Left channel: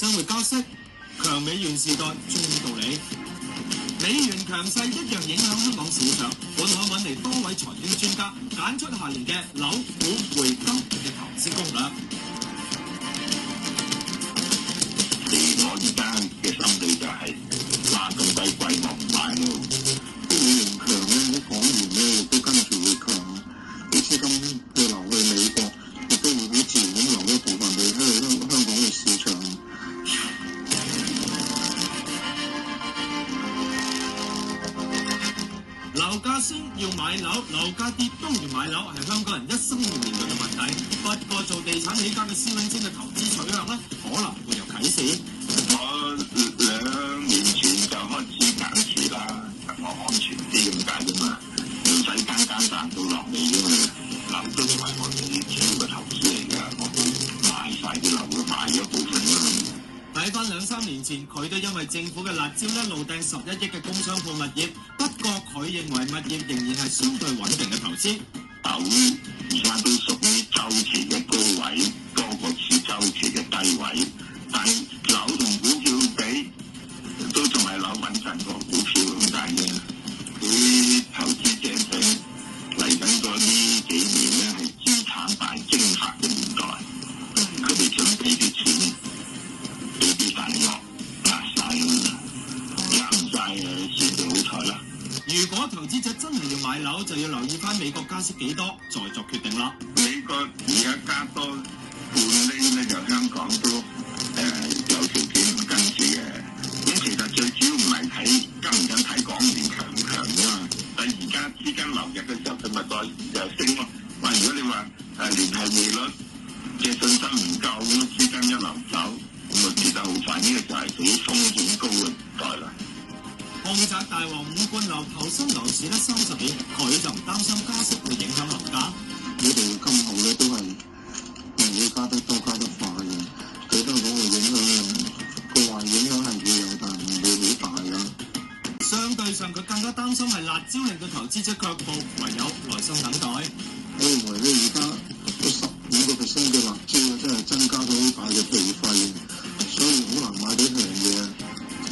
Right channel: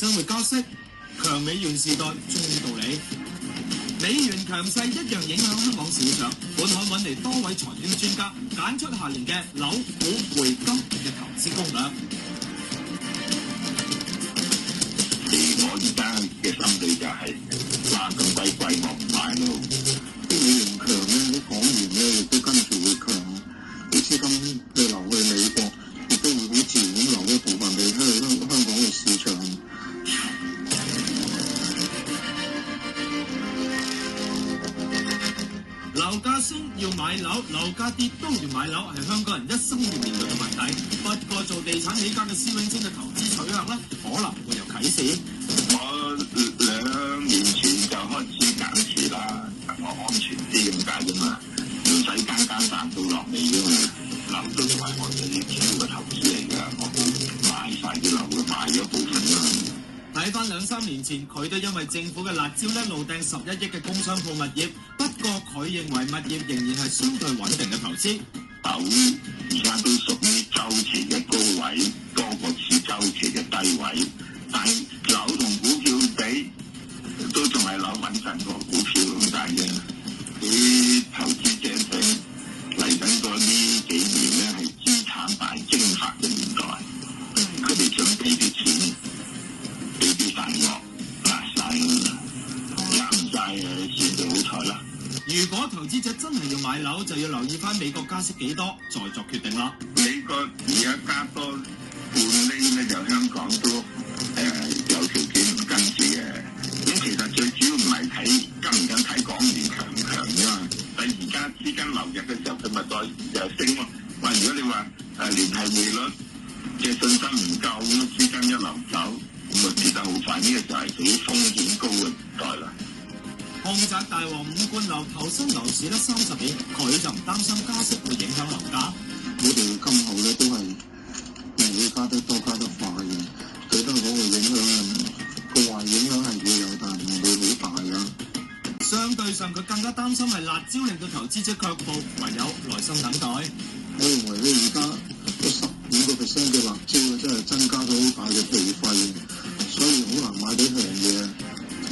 商會加息。強美元時代終於到嚟，美元強勢一樣影響香港市場。本行揾嚟多位財經專家揀出下年嘅樓、股、匯、金嘅投資攻略。我而家嘅心理就係話咁低貴我唔買咯。美元強咧，港元咧亦都跟住會強，啲資金去流去美國，亦都會好自然咁流一部分俾香港嘅市場。樓價升要買樓，樓價跌都要買樓，係香港人一生要面對嘅問題。不過做地產起家嘅施永青嘅投資取向咧，可能會有啟示。我2年前就開始減持啦，我安全啲咁解啫嘛，唔使簡單彈到落嚟啫嘛。樓都係我哋主要嘅投資嚟㗎，我冇買晒啲樓，買咗部分啦。睇翻2-3年前，佢都因為政府嘅辣招咧，怒掟11億嘅工商鋪物業。不過佢認為物業仍然係相對穩定嘅投資。樓而家都屬於周期嘅高位，多過次周期嘅低位。但係樓同股票比，都仲係樓穩陣過股票咁解嘅。啲投資者佢嚟緊嗰呢幾年咧，係資產大蒸發嘅年代，佢哋準備啲錢。俾啲大鱷壓晒啱晒嘅，算就好彩啦。如果投資者真係要買樓，就要留意翻美國加息幾多，再作決定啦。美國而家加多半厘咧，就香港都有條件唔跟住嘅。咁其實最主要唔係睇跟唔跟睇港元強唔強啫嘛。但係而家資金流入嘅時候，佢咪再升咯。喂，如果你話聯繫匯率嘅信心唔夠，咁資金一流走。咁啊，跌得好快，呢個就係佢風險高嘅年代啦。豪宅大王伍冠樓投身樓市咧30年，佢就唔擔心加息會影響樓價。我哋今後咧都係會加得多、加得快嘅，對香港嘅影響個壞影響係會有，但唔會好大啦。相對上，佢更加擔心係辣招令到投資者卻步，唯有耐心等待。我認為咧，而家15% 嘅辣招咧，真係增加咗好大嘅皮費，所以好難買到平嘢，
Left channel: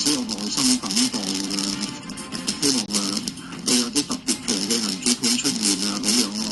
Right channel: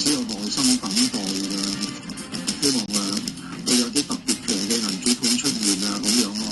只有耐心等待㗎。希望會有啲特別強嘅銀主盤出現啊，咁樣咯。